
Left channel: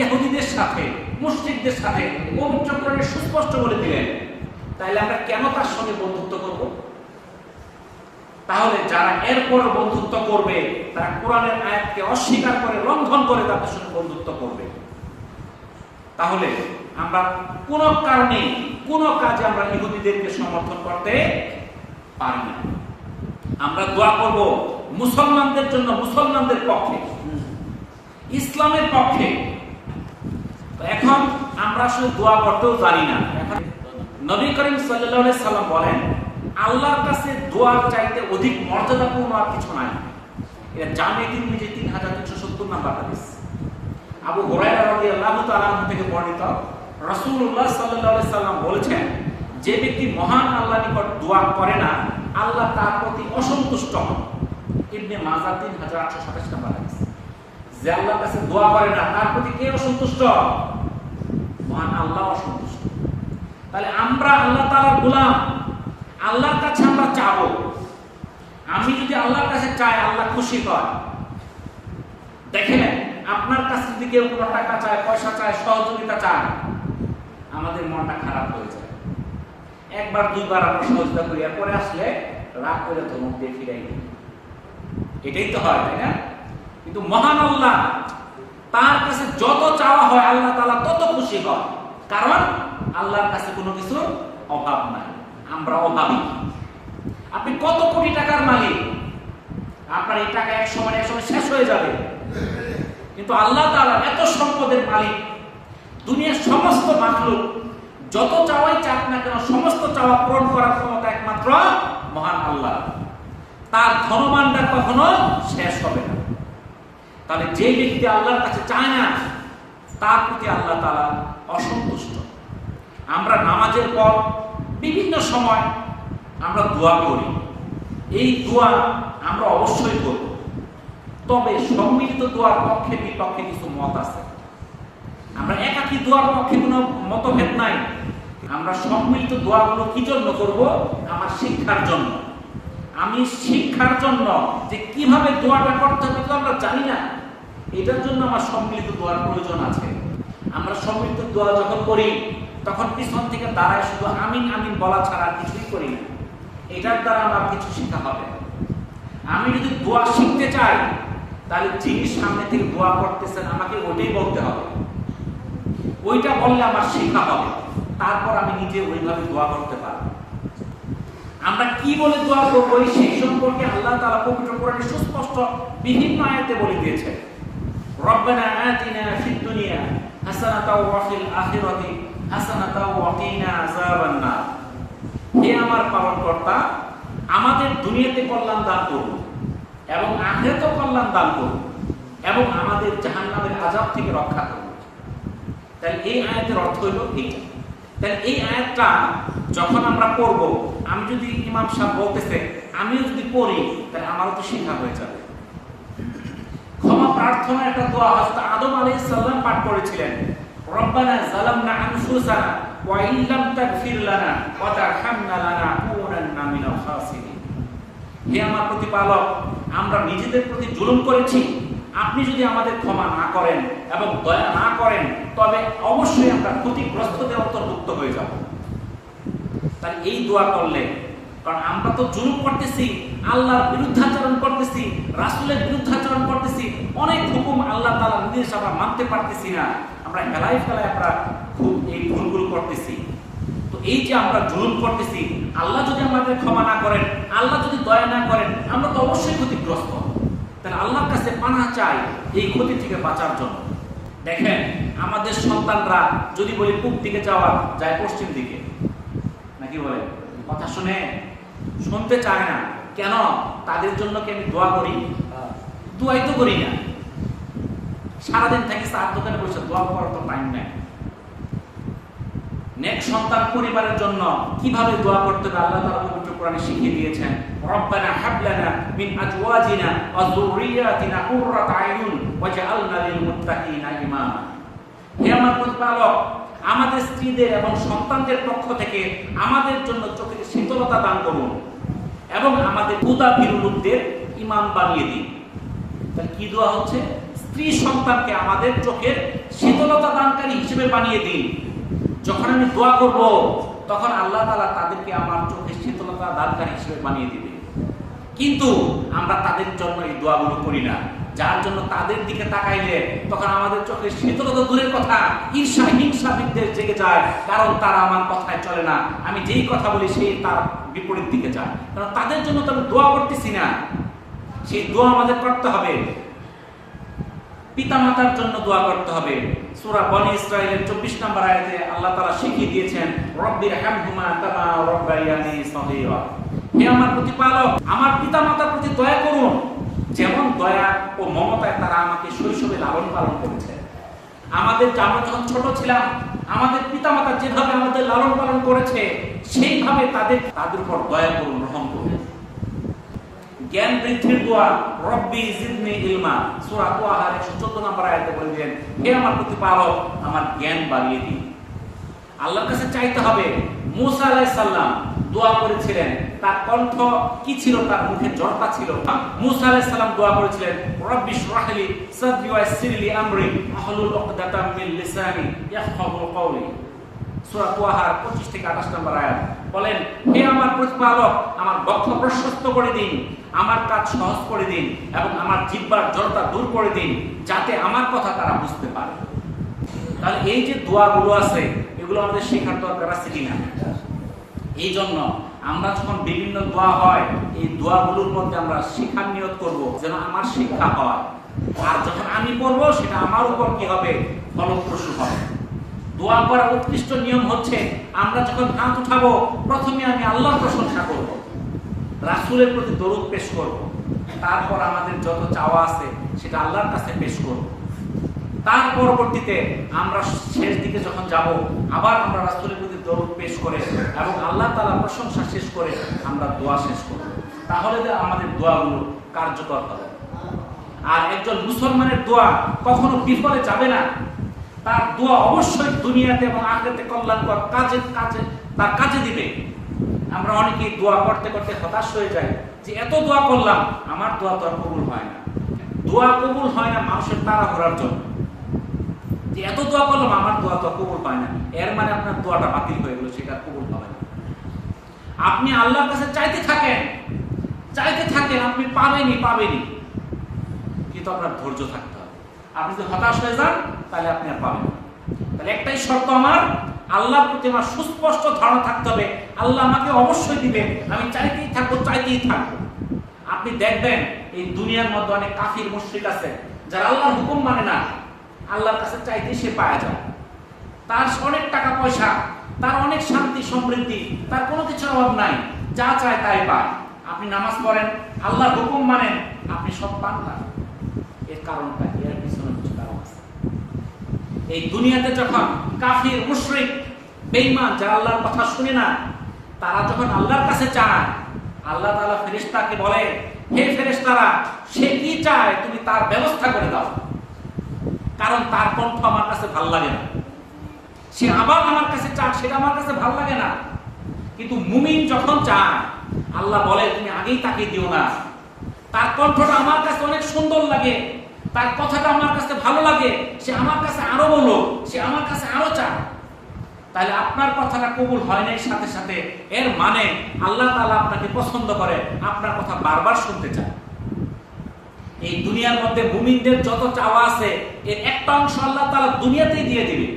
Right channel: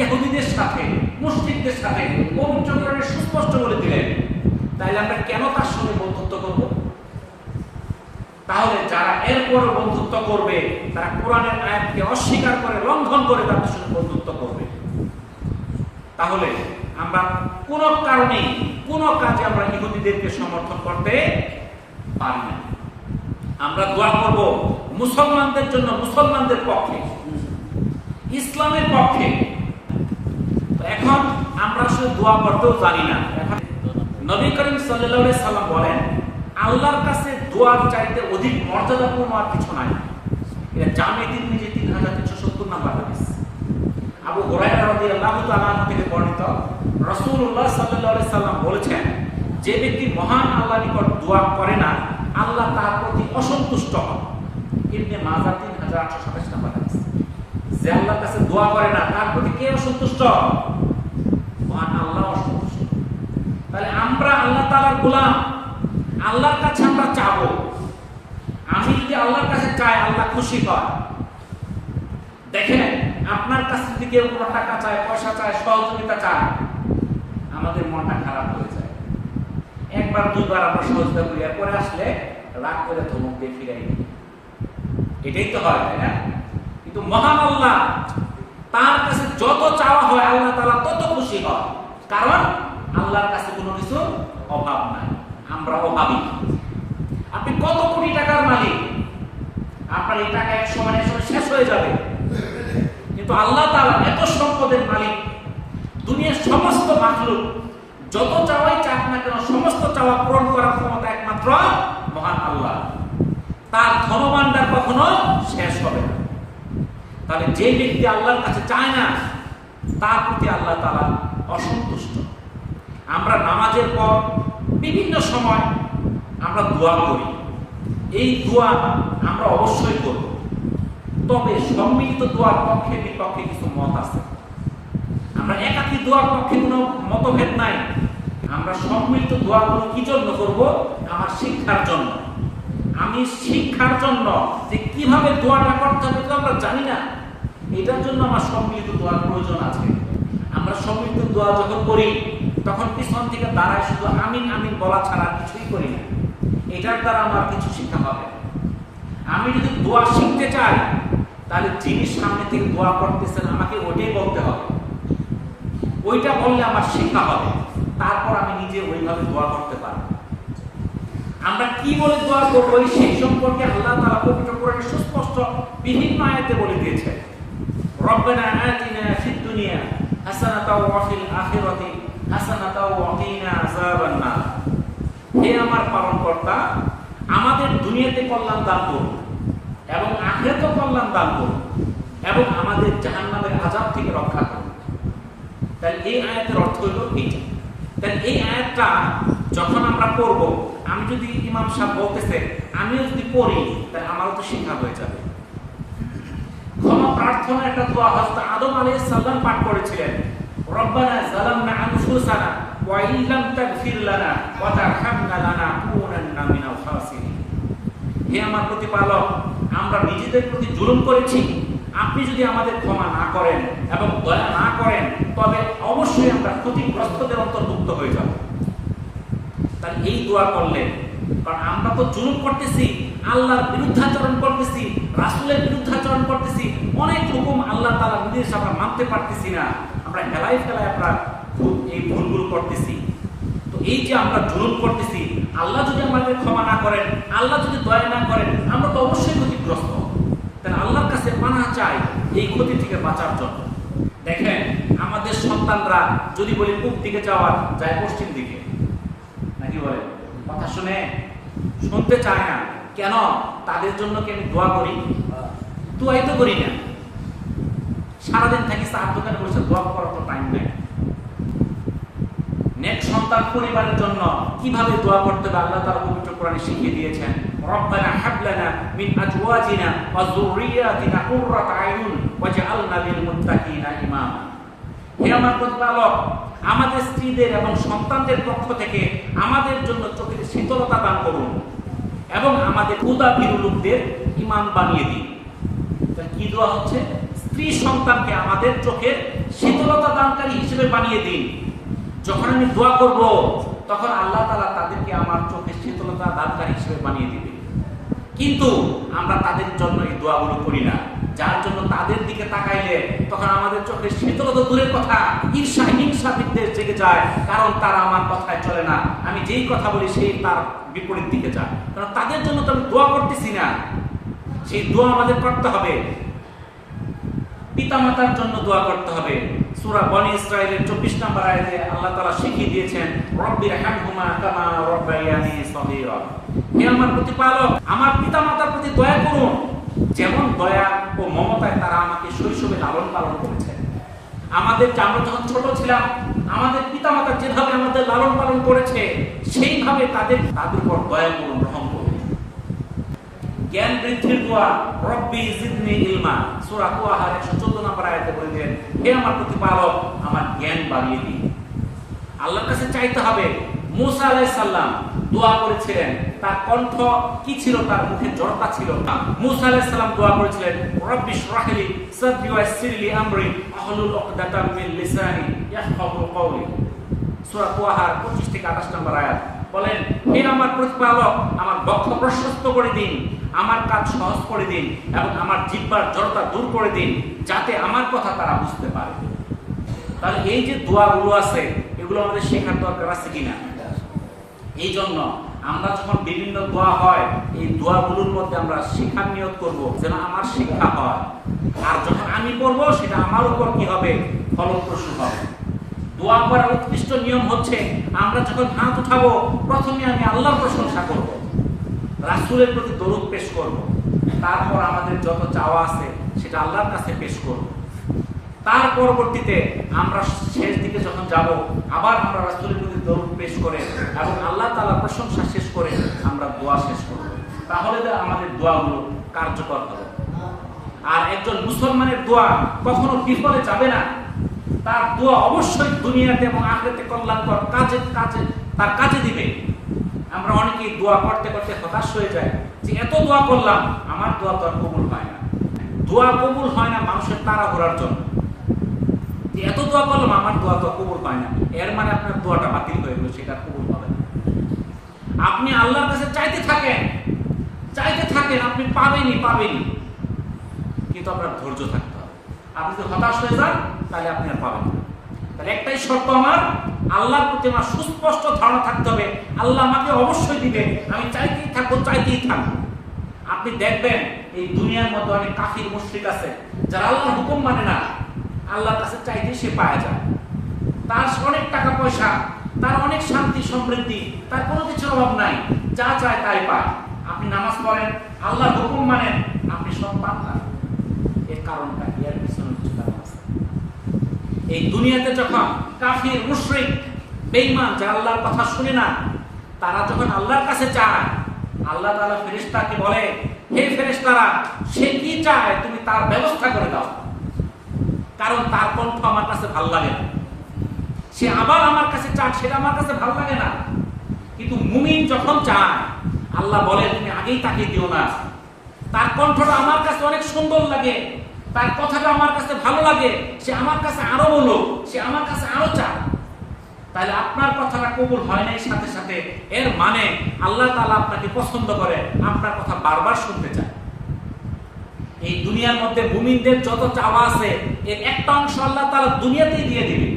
ইহুদিদের সাথে, মুশরিকদের সাথে। পবিত্র কোরআনে সুস্পষ্ট বলে দিলেন। তাহলে আমরা কেন তার সঙ্গে বন্ধুত্ব করব? তাহলে যারা এরপর বন্ধুত্ব করবে তারা কোরআনের আয়াতকে অস্বীকার করে, লঙ্ঘন করে তাদের সঙ্গে বন্ধুত্ব করবে। তাহলে আমরা কোনো কারণেই কোনো কাজে আমরা ইহুদিদেরকে সমর্থন করতে পারি না। আমরা দোয়া করব মুসলমানদের জন্য, মুসলমানদের পক্ষে, ইসলামের পক্ষে। এখন আমরা আসলে দোয়া করতেও জানি না। এখন নবী করিম সাল্লাল্লাহু আলাইহি সাল্লাম বলেন, আল্লাহর কাছে দোয়ার চাইতে অধিক মর্যাদাপূর্ণ আর কিছু নাই। এটা জামে তিরমিজি 3370 নম্বর হাদিস। আবু হুরায়রা রাদিয়াল্লাহু তাআলা আনহু থেকে বর্ণিত, রাসূলুল্লাহ সাল্লাল্লাহু আলাইহি সাল্লাম বলেছেন, যে ব্যক্তি মহান আল্লাহর নিকট দোয়া করে না, আল্লাহ তার প্রতি অসন্তুষ্ট হন। ইবনে মাজাহ 3827 নম্বর হাদিস। যে আল্লাহর কাছে দোয়া করে না তার প্রতি কে অসন্তুষ্ট? মহান আল্লাহ অসন্তুষ্ট। তাহলে আমরা আল্লাহ তাআলার গোলাম, আল্লাহর কাছে আমরা চাবো। আমি যদি আল্লাহর কাছে চাই, আল্লাহ খুশি হয়। দেখেন, আপনার কাছে যদি কেউ কোনো টাকা চায়, পয়সা চায়, সহযোগিতা চায়, আমাদের মনটা খারাপ হয়ে যায়। একবার দুইবার আমরা সহযোগিতা করি, এরপরে আসলে রাগ করে ধমক দিয়ে ফিরাই দিই। এটাই তো হয়, তাই না? কিন্তু মহান আল্লাহ, তার কাছে যত চাওয়া হয় আল্লাহ তাআলা তত খুশি হয়। কারণ আল্লাহর কাছে কোনো কিছু অভাব নাই, আমরা অভাবী। আপনি কত কোটি টাকার মালিক, আপনার এই টাকা এক সময় শেষ হয়ে যাবে। কিন্তু আল্লাহ তাআলা এত সম্পদের মালিক, দুনিয়ার সমস্ত মাখলুক যত চাওয়াই চাক না কেন, সমস্ত চাওয়া পূরণ করার ক্ষমতা একমাত্র মহান আল্লাহ। তার ধনভাণ্ডার কখনো শেষ হবে না। তাহলে যে ব্যক্তি আল্লাহর কাছে চায় না, তার প্রতি আল্লাহ তাআলা অসন্তুষ্ট। আমরা নামাজের পর বিভিন্ন সময় আমরা দোয়া করি। এই দোয়া আমরা অবশ্যই করব, তবে সম্মিলিত দোয়ার পক্ষে বিপক্ষে কিছু মত আছে। আমরা একাকী দোয়ার পক্ষে কোনো মতভেদ নাই। আমরা সম্মিলিত দোয়াগুলো কি জন্য করব? আমার শিক্ষার জন্য। আমি শিক্ষার জন্য যে কিভাবে দোয়াটা করতে হবে এটা আমরা জানি না, এটার জন্য আমার সম্মিলিত দোয়ার প্রয়োজন আছে। আমরা সম্মিলিত দোয়া যখন করি তখন পিছন থেকে দাঁড়ায় শুধু আমিন আমিন বলা ছাড়া কিছুই করি না। এটার দ্বারা আমার কিছু শিক্ষা হবে। আমি যদি দোয়া শিখতে চাই, তাহলে যিনি সামনে থেকে দোয়া করতেছেন আমাকে ওইটাই বলতে হবে। ওইটা বললে আমার শিক্ষা হবে, তারপর আমি নিজে ওইভাবে দোয়া করতে পারব। আমরা কি বলে দোয়া করব সেই সম্পর্কে আল্লাহ তাআলা পবিত্র কোরআনে সুস্পষ্ট বিভিন্ন আয়াতে বলে দিয়েছেন। রব্বানা আতিনা ফিদ দুনিয়া হাসানাতাও ওয়া ফিল আখিরাতি হাসানাতাও ওয়া কিনা আযাবান নার। হে আমার পালনকর্তা, আমাদের দুনিয়াতে কল্যাণ দান করুন এবং আখিরাতেও কল্যাণ দান করুন এবং আমাদের জাহান্নামের আযাব থেকে রক্ষা করুন। তাহলে এই আয়াতের অর্থ হইল এইটা। তাহলে এই আয়াতটা যখন আমরা পড়ব, আমি যদি ইমাম সাহেব বলতেছে আমিও যদি পড়ি, তাহলে আমারও তো শিক্ষা হয়ে যাবে। ক্ষমা প্রার্থনার একটা দোয়া হযরত আদম আলাইহিস সালাম পাঠ করেছিলেন, রব্বানা যালামনা আনফুসানা ওয়া ইল্লাম তাগফির লানা ওয়া তারহামনা লানাকুনান্না মিনাল খাসিরিন। হে আমার প্রতিপালক, আমরা নিজেদের প্রতি জুলুম করেছি, আপনি যদি আমাদের ক্ষমা না করেন এবং দয়া না করেন তবে অবশ্যই আমরা ক্ষতিগ্রস্তদের অন্তর্ভুক্ত হয়ে যাব। তাই এই দোয়া করলে, কারণ আমরা তো জুলুম করতেছি, আল্লাহর বিরুদ্ধাচরণ করতেছি, রাসূলের বিরুদ্ধাচরণ করতেছি, অনেক হুকুম আল্লাহ তাআলা নির্দেশ আমরা মানতে পারতেছি না, আমরা হেলায় ফেলায় আমরা এই ভুলগুলো করতেছি। তো এই যে আমরা জুলুম করতেছি, আল্লাহ যদি আমাদের ক্ষমা না করেন, আল্লাহ যদি দয়া না করেন, আমরা তো অবশ্যই ক্ষতিগ্রস্ত। তাহলে আল্লাহর কাছে পানাহ চাই এই ক্ষতি থেকে বাঁচার জন্য। দেখেন, আমাদের সন্তানরা যদি বলি পূব দিকে যাওয়ার, যায় পশ্চিম দিকে, নাকি বলে? কথা শুনতে চায় না। কেন? তাদের জন্য কি আমি দোয়া করি? দোয়াই তো করি না। সারাদিন থাকি চার দোকানে বসে, দোয়া করার তো টাইম নাই। নেক্সট সন্তান পরিবারের জন্য কিভাবে দোয়া করতে হবে আল্লাহ তাআলা পবিত্র কোরআনে শিখিয়ে দিয়েছেন। রব্বানা হাব লানা মিন আজওয়াজিনা ওয়া যুররিয়াতিনা কুররাতা আয়ুন ওয়াজআলনা লিল মুত্তাকিনা ইমামা। হে আমার প্রতিপালক, আমাদের স্ত্রীদের এবং সন্তানদের পক্ষ থেকে আমাদের জন্য চোখের শীতলতা দান করুন এবং আমাদের ক্ষুধা ভীরু লোকদের ইমাম বানিয়ে দিন। তাহলে কি দোয়া হচ্ছে? স্ত্রী সন্তানকে আমাদের চোখের শীতলতা দানকারী হিসেবে বানিয়ে দিন। যখন আমি দোয়া করব, তখন আল্লাহ তাআলা তাদেরকে আমার চোখের শীতলতা দানকারী হিসেবে বানিয়ে দিবে। কিন্তু আমরা তাদের জন্য এই দোয়াগুলো করি না, যার জন্য তাদের দিকে তাকাইলে তখন আমাদের চোখের শীতলতা দূরের কথা, ঈর্ষা হিংসা বিদ্বেষ জেগে যায়। কারণ তারা আমার কথায় চলে না, আমি যেই কথা বলি সেই তার বিপরীত দিকে যায়। কারণ তাদের জন্য তো আমি দোয়া করতেছি না। সেই দোয়া আমাদের করতে হবে। পিতামাতার জন্য দোয়া করতে হবে। সূরা বনী ইসরাঈলের 24 নম্বর আয়াতে আল্লাহ তাআলা শিখিয়ে দিয়েছেন, রব্বির হামহুমা কামা রাব্বায়ানি সগীরা। হে আমার প্রতিপালক, আমার পিতামাতার প্রতি দয়া করুন, যেমন দয়া ও মমতায় তারা আমাকে শৈশবে লালন পালন করেছে। আমরা যখন ছোট ছিলাম, আমাদের পিতামাতা যেভাবে আমাদের লালন পালন করেছে, সেইভাবে তাদের উপর দয়া করুন, রহম করুন। জ্ঞান বৃদ্ধির দোয়া, রব্বি জিদনি ইলমা। সূরা তাহা 114 নম্বর আয়াতে বলেন, হে আমার প্রতিপালক, আমার জ্ঞান বাড়িয়ে দিন। আল্লাহর কাছে চাইতে হবে। মূসা আলাইহিস সালাম দোয়া করেছিলেন, তার কণ্ঠ কি ছিল? তার মুখে জড়তা ছিল। মূসা আলাইহিস সালাম দোয়া করেছিলেন, রব্বি ইশরাহ লি সাদরি ওয়া ইয়াসসির লি আমরি ওয়াহলুল উকদাতাম মিন লিসানি ইয়াফকাহু কওলি। সূরা তাহা 25 থেকে 28 নম্বর আয়াত বলেন, হে আমার প্রতিপালক, আমার বক্ষ প্রশস্ত করে দিন, আমার কাজ সহজ করে দিন এবং আমার জিহ্বার জড়তা দূর করে দিন, যাতে আমার কথা তারা বুঝতে পারে। তাহলে এই যে দোয়াগুলো আছে, এগুলো আমাদের শেখার দরকার আছে কিনা? এই জন্য আমরা যখন বিভিন্ন দোয়া হয়, এই দোয়াগুলোর মধ্যে আমরা শিক্ষার নিয়ত করব, যেন আমার শিক্ষা হয়। আর যখন আমি করব, সেটা আমার উপর কি হবে? ফলপ্রসূ হবে। দোয়া করার উৎকৃষ্ট নিয়ম হচ্ছে, আমরা যখন হাত উঠাবো, প্রথমে আমি আল্লাহর প্রশংসা করব, রাসূলের প্রতি দরুদ পেশ করব, তারপর আমাদের যত চাওয়া আছে সেটা আল্লাহর কাছে পেশ করব। তার পরবর্তীতে আমরা শেষ দিকে যখন যাব, আবার আমরা রাসূলের প্রতি দরুদ পেশ করে এবং আল্লাহ তাআলার প্রশংসা শেষ করে আমরা দোয়া শেষ করব। তাহলে আমাদের দোয়াগুলো কার্যকর হবে। আর একজন মুসলমানের দোয়া কখনো বিফলে যাবে না। তার দোয়া অবশ্যই দুনিয়াতে এবং আখিরাতে কল্যাণকর তার কাজে দিবে। আমরা অনেকেই দোয়া করতে করতে হতাশ হয়ে যাই যে এত দোয়া করলাম, আমার দোয়া তো আর কবুল হয় না। দোয়া কবুল হয় না মানুষের তাড়াহুড়ার জন্য, যে এত দোয়া করলাম আমার দোয়া তো কবুল হয় না, এর মানে আপনার দোয়াটা বাতিল হয়ে গেল, সেটা কবুল হবে না। আপনি আল্লাহর কাছে চাইতে থাকেন, আপনি পাবেনই, কিন্তু আপনার ধৈর্য থাকতে হবে। আপনি যদি হতাশ হয়ে যান, তাহলে আপনি আর পাবেন না। তাহলে একটাই শর্ত, আমার আল্লাহর প্রতি আমার সুস্পষ্ট ধারণা থাকতে হবে, আল্লাহ আমাকে অবশ্যই দিবে, আমি চাইতেই থাকবো। আপনি দেখবেন এই দুনিয়ার মধ্যে অনেক কাফির মুশরিক আছে, যারা আল্লাহর হুকুম মানে না, আল্লাহর কাছে চাইতেই সে পাওয়া যায়। তার অনেক টাকা পয়সা, তার অনেক শান্তি সমৃদ্ধি, তার কোনো কিছুর অভাব নাই, যা চায় তাই পায়। আপনি নামাজ পড়েন, আল্লাহর হুকুম মানেন, আপনি সব পান না। এর কারণটা কি? এর পিছনে কিছু কারণ আছে। এই দুনিয়াতে যখন কাফির মুশরিক বেঈমান, যারা আল্লাহর কথা শুনে না, তারা যখন আল্লাহর কাছে চায়, আল্লাহ তাআলা ফেরেশতাকে বলে, হে ফেরেশতারা, সে কি চায় তুমি তার ব্যবস্থা করে দাও, কারণ তার কণ্ঠ আমার কাছে ভালো লাগে না। সে আবার আমার কাছে চায়, সেটা আমার কাছে ভালো লাগে না। কিন্তু মুমিন যখন চায়, আল্লাহ বলে তুমি আগেই তাকে দিও না, তার কণ্ঠটা আমার কাছে অনেক সুন্দর লাগে, তার কথাটা আমার কাছে ভালো লাগে, সে আমার কাছে আরো বলো, সে আমার কাছে আরো চায়। তাহলে আপনার কথাটা কবুল হয় নাই, সাথে সাথে এর মানে আল্লাহ তাআলা আপনাকে পছন্দ করে, আপনার কথা বারবার শুনতে চায়। এই দুনিয়ার মধ্যে মুমিনদের যত চাওয়া আছে, এর একটা অংশ আল্লাহ তাআলা দুনিয়াতেই দিয়ে দিবে।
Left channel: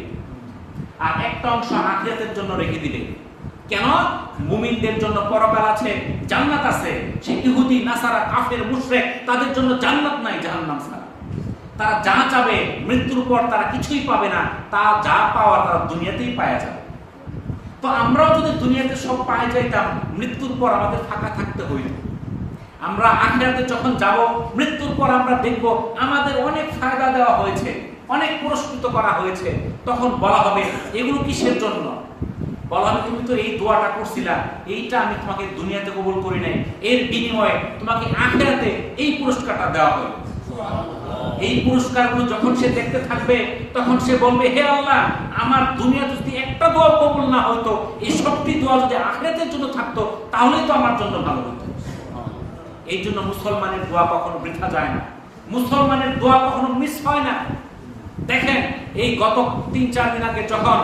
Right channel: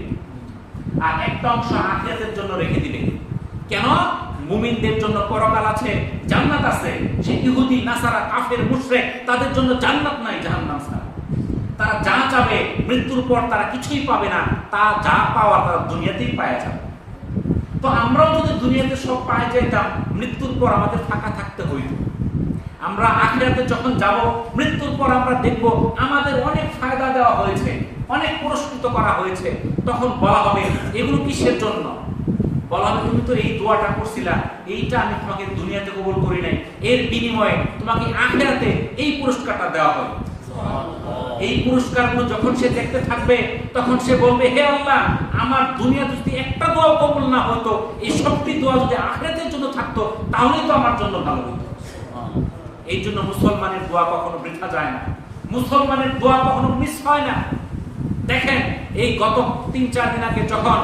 আর একটা অংশ আখিরাতের জন্য রেখে দিবে। কেন? মুমিনদের জন্য পরকাল আছে, জান্নাত আছে। সেই ইহুদি, নাসারা, কাফের, মুশরিক তাদের জন্য জান্নাত নাই, জাহান্নাম ছাড়া। তারা যা চাবে মৃত্যুর পর তারা কিছুই পাবে না, তা যা পাওয়ার তারা দুনিয়াতেই পাওয়া যাবে। তো আমরাও যদি দুনিয়াতে সব পাওয়া যাইতাম, মৃত্যুর পর আমাদের ফাঁকা থাকতে হইল। আমরা আখিরাতে যখন যাব, মৃত্যুর পর আমরা দেখব আমাদের অনেক ফায়দা দেওয়া হয়েছে, অনেক পুরস্কৃত করা হয়েছে। তখন বলা হবে এগুলো কিসের জন্য? বলা হবে তুমি তো এই দোয়াটা করছিলা, এইটা আমি তোমাকে দুনিয়াতে কবুল করি নাই, এর বিনিময়ে তোমাকে আখিরাতে এই পুরস্কারটা দেওয়া হয়। এই পুরস্কারগুলো যখন সে দেখতে থাকবে, তখন সে বলবে হে আল্লাহ, আমার দুনিয়াতে যদি একটা দোয়া কবুল না হতো, এই সবটি দোয়া যদি আখিরাতের জন্য থাকতো, তাহলেই তো আমার জন্য ভালো হতো। এই জন্য মুসলমানের দোয়া কখনো বৃথা যায় না, মুসলমানের দোয়া কখনো মিস হয় না। দেখেন, এই গত 3-4 দিন আগে যখন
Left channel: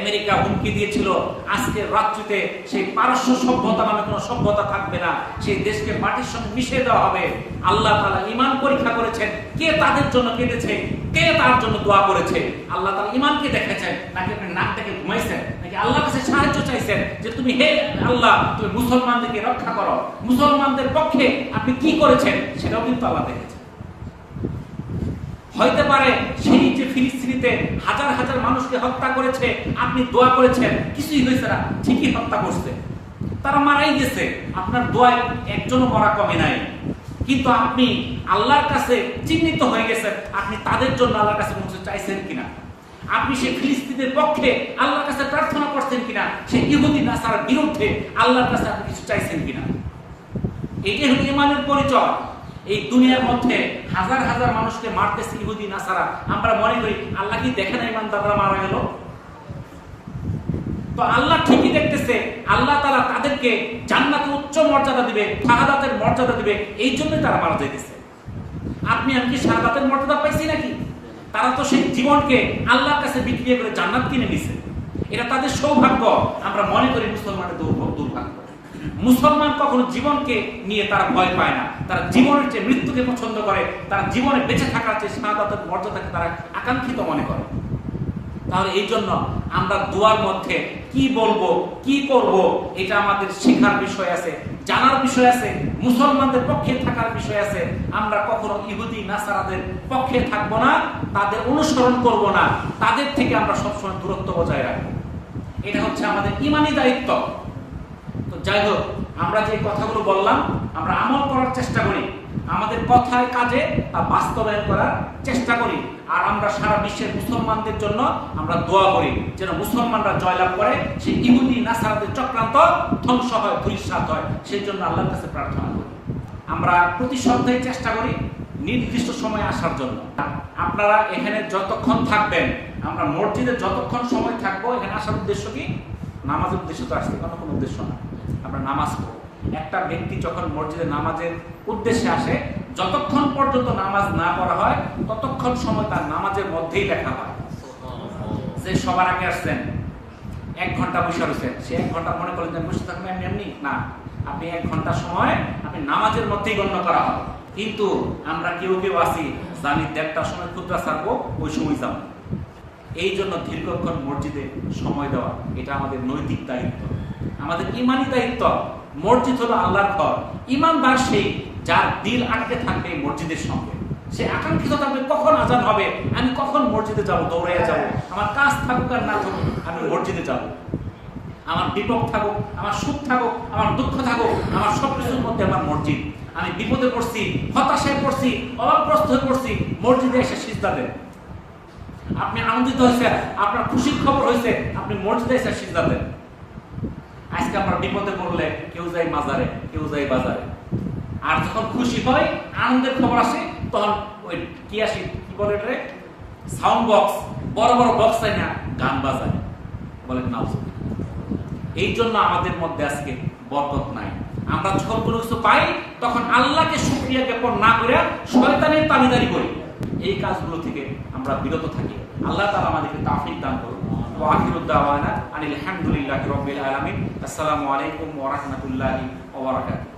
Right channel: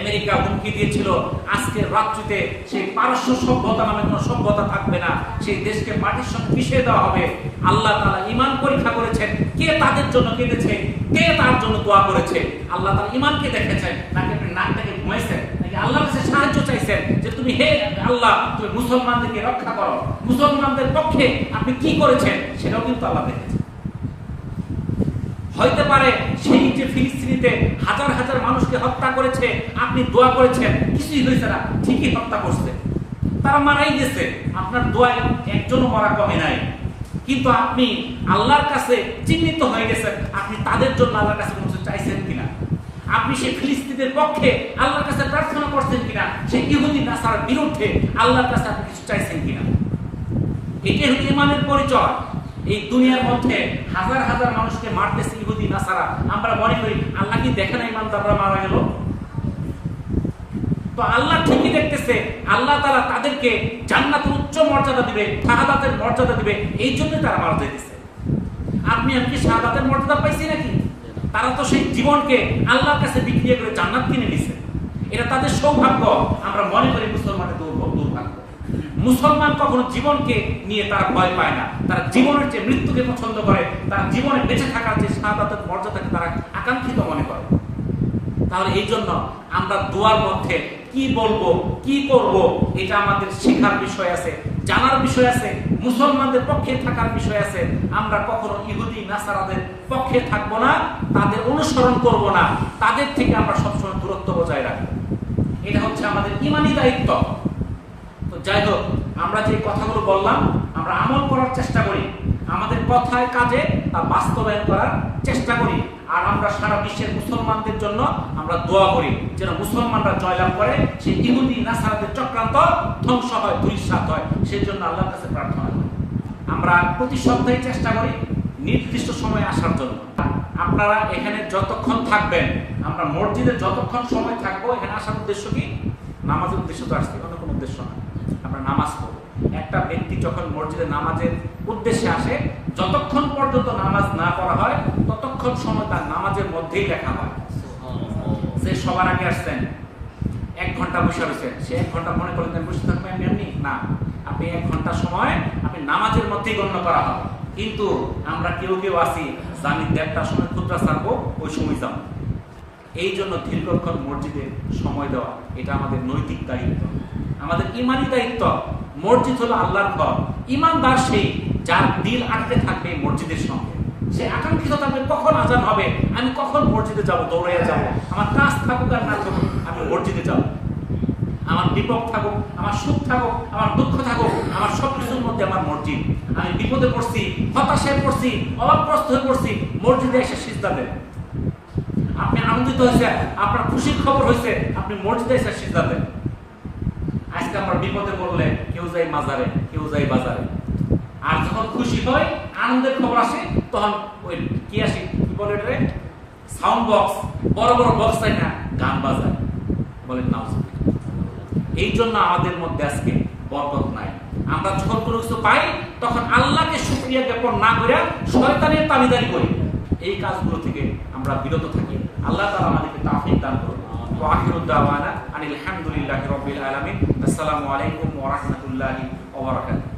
আমেরিকা হুমকি দিয়েছিল আজকের রাত্রিতে সেই পারস্য সভ্যতা নামে কোনো সভ্যতা থাকবে না, সেই দেশকে মাটির সঙ্গে মিশিয়ে দেওয়া হবে, আল্লাহ তাআলা ঈমান পরীক্ষা করেছেন। কে তাদের জন্য কেঁদেছে, কে তার জন্য দোয়া করেছে? আল্লাহ তাআলা ঈমানকে দেখেছেন, নাকি আপনি নাক থেকে ঘুমাইছেন, নাকি আল্লাহর কাছে সাহায্য চাইছেন যে তুমি হে আল্লাহ তুমি মুসলমানদেরকে রক্ষা করো? মুসলমানদের পক্ষে আপনি কি করেছেন সেটাও কিন্তু আল্লাহ দেখেছেন। হইতে পারে সেই যে ফিলিস্তিনিতে হাজার হাজার মানুষকে হত্যা করেছে, আপনি দোয়া করেছেন, কিছুই হয়েছে না, ঠিকই হত্যা করছে, তারা মারাই গেছে, আপনার দোয়ায় একজনও মরা কমে নাই। কিন্তু আপনি আল্লাহর কাছে চিহ্নিত হয়ে গেছেন, আপনি তাদের জন্য আল্লাহর কাছে কিছু চাইছেন কিনা? আপনি সেই ফিলিস্তিনের পক্ষে আল্লাহর কাছে প্রার্থনা করছেন কিনা? সেই ইহুদি নাসারার বিরুদ্ধে আল্লাহর কাছে আপনি কিছু চাইছেন কিনা? এটাই হলো ঈমানের পরিচয়। এই দুনিয়ার মধ্যে হাজার হাজার মানুষকে মারতেছে ইহুদি নাসারা, আমরা মনে করি আল্লাহ কি দেখে না ইমানদাররা মারা গেল? তো আল্লাহ ঠিকই দেখতেছে, আল্লাহ তাআলা তাদেরকে জান্নাতের উচ্চ মর্যাদা দিবে, শাহাদাতের মর্যাদা দিবে, এই জন্যই তারা মারা যাইতেছে। আপনি আমি কি শাহাদাতের মর্যাদা পাইছি নাকি? তারা তো সেই জীবনকে আল্লাহর কাছে বিক্রি করে জান্নাত কিনে নিছে। এটা তাদের সৌভাগ্য। আমরা মনে করি মুসলমানের দুর্ভাগ্য। মুসলমান কখনো জীবনকে নিয়ে তারা ভয় পায় না, তারা জীবনের চেয়ে মৃত্যুকে পছন্দ করে, তারা জীবনে বেঁচে থাকার যে শাহাদাতের মর্যাদাকে তারা আকাঙ্ক্ষিত মনে করে। তাহলে এই জন্য আমরা দোয়ার মধ্যে কি বলবো, কি করব, এটা আমাদের শেখার বিষয় আছে, জানার বিষয় আছে, মুসলমানদের পক্ষে থাকার বিষয় আছে। আমরা কখনো ইহুদি নাসারাদের পক্ষে থাকবো না, তাদের অনুসরণ করব না, তাদের থেকে আমরা সবসময় দূরত্ব বজায় রাখবো। এটা হচ্ছে আমাদের ঈমানি দায়িত্ব। তো যাই হোক, আমরা যে কথাগুলো বললাম আমরা আমল করার চেষ্টা করি, আমাদের কথায় কাজে তা বাস্তবায়ন করার চেষ্টা করি। আর আমরা সারা বিশ্বের মুসলমানদের জন্য আমরা দোয়া করি যেন মুসলমানরা জয়লাভ করে, সেই ইহুদি নাসারাদের চক্রান্ত ধ্বংস হয়, ধূলিসাৎ হয়। সেই জন্য আল্লাহর কাছে প্রার্থনা করি। আমরা প্রতি সপ্তাহে চেষ্টা করি নির্দিষ্ট সময় আসার জন্য। আপনারা এখানে যতক্ষণ থাকবেন, আমরা মসজিদে যতক্ষণ সময় থাকবো, এখানে আসার উদ্দেশ্য কি? নামাজের উদ্দেশ্য তো আসছে, অন্য কোনো উদ্দেশ্য না। আমরা নামাজ পড়ব। একটা ব্যক্তি যখন মসজিদে নামাজের উদ্দেশ্যে আসে, যতক্ষণ পর্যন্ত নামাজ না পড়া হয় ততক্ষণ সময় তার নামাজের মধ্যেই লেখা হয়। সে সবার আগে আসছেন, 1 ঘন্টা বসে রয়েছেন, সে 1 ঘন্টা মনে করলেন বসে থাকবেন এমনি এমনি না, আপনি 1 ঘন্টা সময় আপনি নামাজের মধ্যেই গণ্য করা হবে। কিন্তু আমরা কেউ কেউ আসি জানি 1:30টার সময় খুতবা ছাড়বো, ওই সময় যাবো। এই জন্য দীর্ঘক্ষণ মসজিদে সময় দেওয়া এটা আমাদের নৈতিক দায়িত্ব, আমাদের ঈমানি দায়িত্ব। মসজিদ হলো আল্লাহর ঘর। ঈমানদার সেই যার দিল আটকে থাকবে মসজিদের সঙ্গে, সে আকাঙ্ক্ষিত থাকবে কখন আজান হবে, আমি কখন মসজিদে যাব, দৌড়াইয়া যাব, আমার কাজ থাকুক আর না থাকুক আমি মসজিদে যাব। আমার বিপদ থাকুক, আমার সুখ থাকুক, আমার দুঃখ থাকুক, আমার সবকিছুর মধ্যে আমার মসজিদ। আমি বিপদে পড়ছি, হতাশায় পড়ছি, অভাবগ্রস্ত হয়ে পড়ছি, মসজিদে এসে সিজদা দেন। আপনি আনন্দিত হয়েছে, আপনার খুশির খবর হয়েছে, আপনি মসজিদে এসে সিজদা দেন। আজকে আমরা বিপদে পড়লে কেউ যায় মাজারে, কেউ যায় বাজারে। আর যখন খুশি হয়, আনন্দের খবর আসে, তখন ওই কি আসে, কি বলে এটা, সাউন্ড বক্স, বড় বড় বক্স হয় না, গান বাজায়, বলেন নাউজুবিল্লাহ। এই জন্য আমাদের মধ্যে আজকে বরকত নাই। আমরা যখন কোনো কিছু পাই তখন আল্লাহকে শুকরিয়া জ্ঞাপন না করে শয়তানের তাবিদারি করি। এই কাজগুলো থেকে আমরা বিরত থাকি। আল্লাহ তাআলা আমাদেরকে তাওফীক দান করুন। ওয়া আখিরু দাওয়ানা আনিল হামদুলিল্লাহি রাব্বিল আলামিন। আসসালামু আলাইকুম ওয়া রাহমাতুল্লাহি ওয়া বারাকাতুহু।